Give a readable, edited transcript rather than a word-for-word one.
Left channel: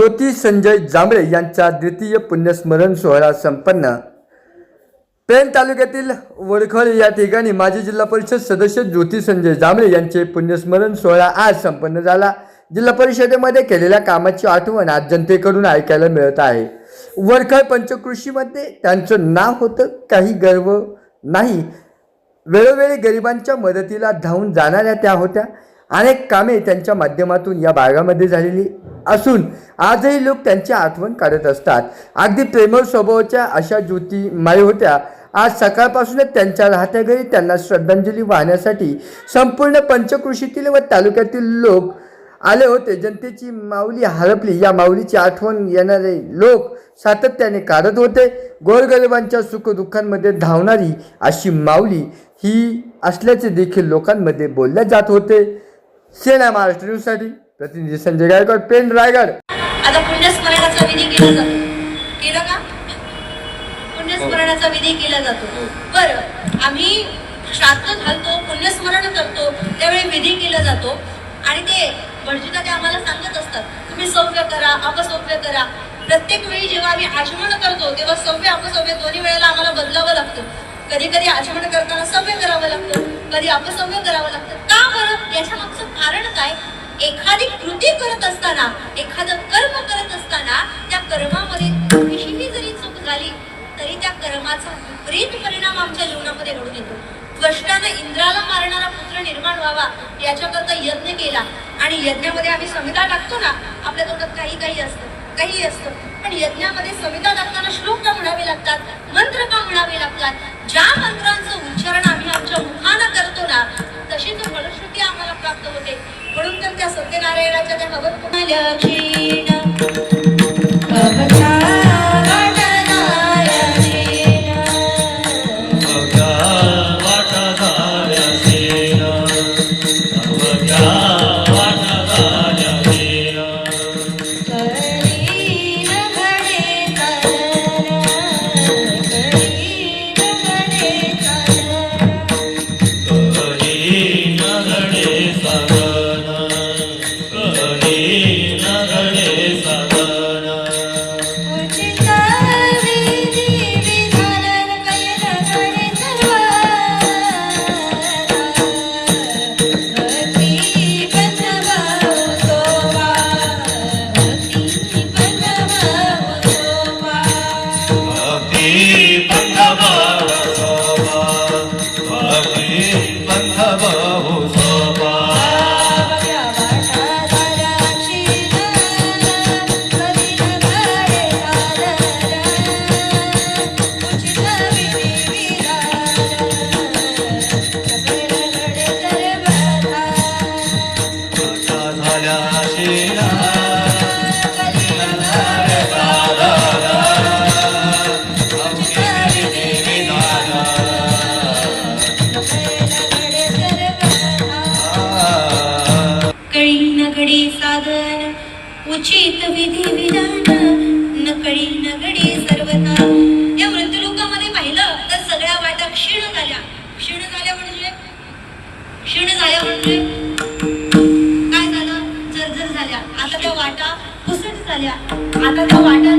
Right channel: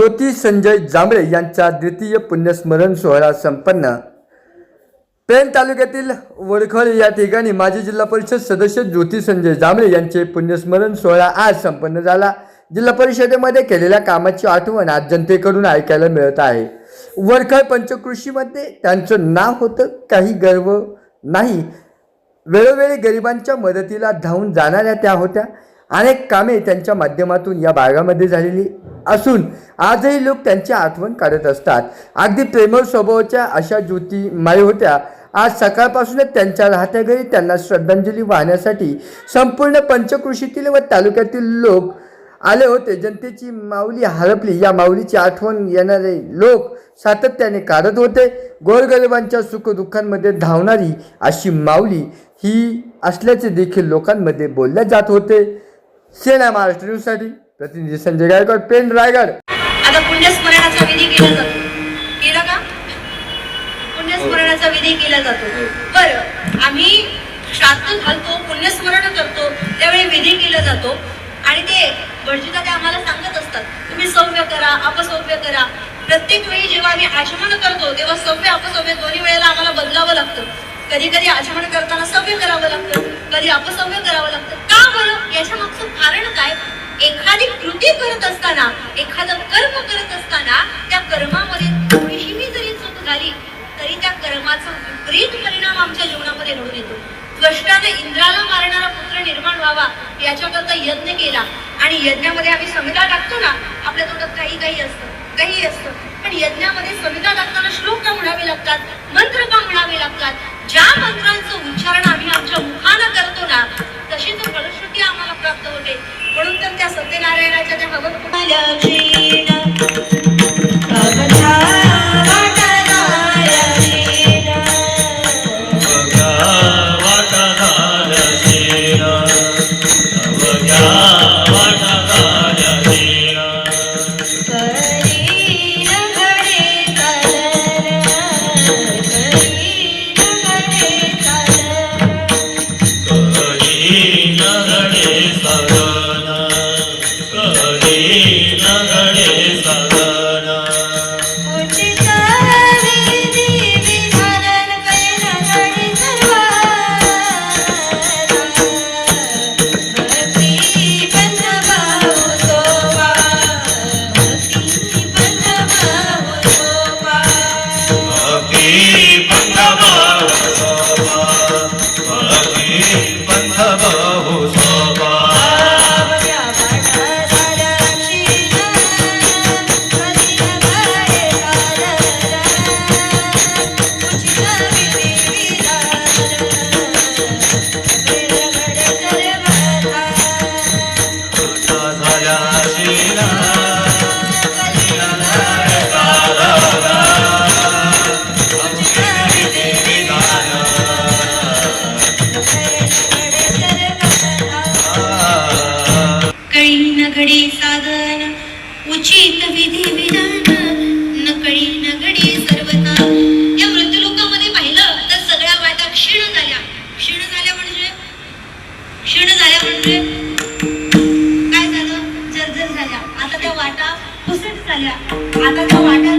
ज्योती संजय जांभळे यांचा द्वितीय पुण्यस्मरण सोहळा संपन्न। पेण तालुक्यातील वडखळ या ठिकाणी माजी जिल्हा परिषद सदस्य ज्योती संजय जांभळे यांचे पुण्यस्मरण सोहळा आज संपन्न झाला। जिल्हा परिषदेमध्ये केलेल्या कामाची आठवण आज जनतेकडून ऐकायला मिळत आहे। वडखळ पंचकृषीमध्ये त्यांचं नाव होतं, काही गर्व नाही। वेळोवेळी गरिबांच्या मदतीला धावून जाणाऱ्या त्या होत्या। अनेक कामे त्यांच्या माध्यमातून या भागामध्ये झालेली असून आजही लोक त्यांची आठवण काढत असतात। अगदी प्रेमळ स्वभावाच्या अशा ज्योती माई होत्या। आज सकाळपासूनच त्यांच्या राहत्या घरी त्यांना श्रद्धांजली वाहण्यासाठी संपूर्ण पंचकृषीतील व तालुक्यातील लोक आले होते। जनतेची माऊली हरपली, या माऊलीची आठवण येणारे लोक सातत्याने काढत होते। गोरगरिबांच्या सुखदुःखांमध्ये धावणारी अशी माऊली ही असल्याचे देखील लोकांमध्ये बोलले जात होते। सेना महाराष्ट्र न्यूजसाठी प्रतिनिधी संजय गायकवाड, पेण, रायगड। आता पुण्यस्मरणाचा विधी केला जातो, केला का? पुण्यस्मरणाचा विधी केला जातो। बरं, आम्ही श्राद्ध घालतो, पुण्यस्मरण करतो, त्यावेळी विधी केला जातो आणि ते भटजीदा ते आम्हाला सांगत असतात, तुम्ही सव्य करा, अपसव्य करा। प्रत्येक वेळी जेव्हा आम्ही आचमन करतो तेव्हा सव्य अपसव्य दोन्ही वेळेला आम्हाला बदलावं लागतं। कधी कधी आचमन करताना सव्य करावं लागतं, कधी अपसव्य करावं लागतं। का बरं? याच्या मागचं कारण काय? एखादी कृती करत असताना, एखादं कर्म करत असताना त्या कर्मामध्ये थोडीशी जरी चूक झाली तरी त्या कर्माचा विपरीत परिणाम आमच्या जीवनामध्ये घडून येतो। त्वष्टाने इंद्राला मारणारा पुत्र निर्माण व्हावा याच्याकरता यज्ञ केला आणि यज्ञामध्ये आम्ही संहिता टाकतो ना, आपल्या तोंडात काही असतं, पण यज्ञामध्ये संहिता टाकताना श्लोक का म्हणावे लागतात, मंत्र का म्हणावे लागतात? ज्या मंत्रांचं उच्चारण आम्ही आमच्या मुखानं करतो ना, तशी तो फलश्रुती आम्हाला प्राप्त होते। म्हणून तर त्या सत्यनारायणाच्या त्या हवन उचित विधी विधान नकळी नगडी सर्वता। या मृत्यूलोकामध्ये पाहिलं तर सगळ्या वाटा क्षीण झाल्या म्हणजे काय झालं? जर्जर झाल्या। आता त्या वाटा पुसट झाल्या। आता त्या वाटा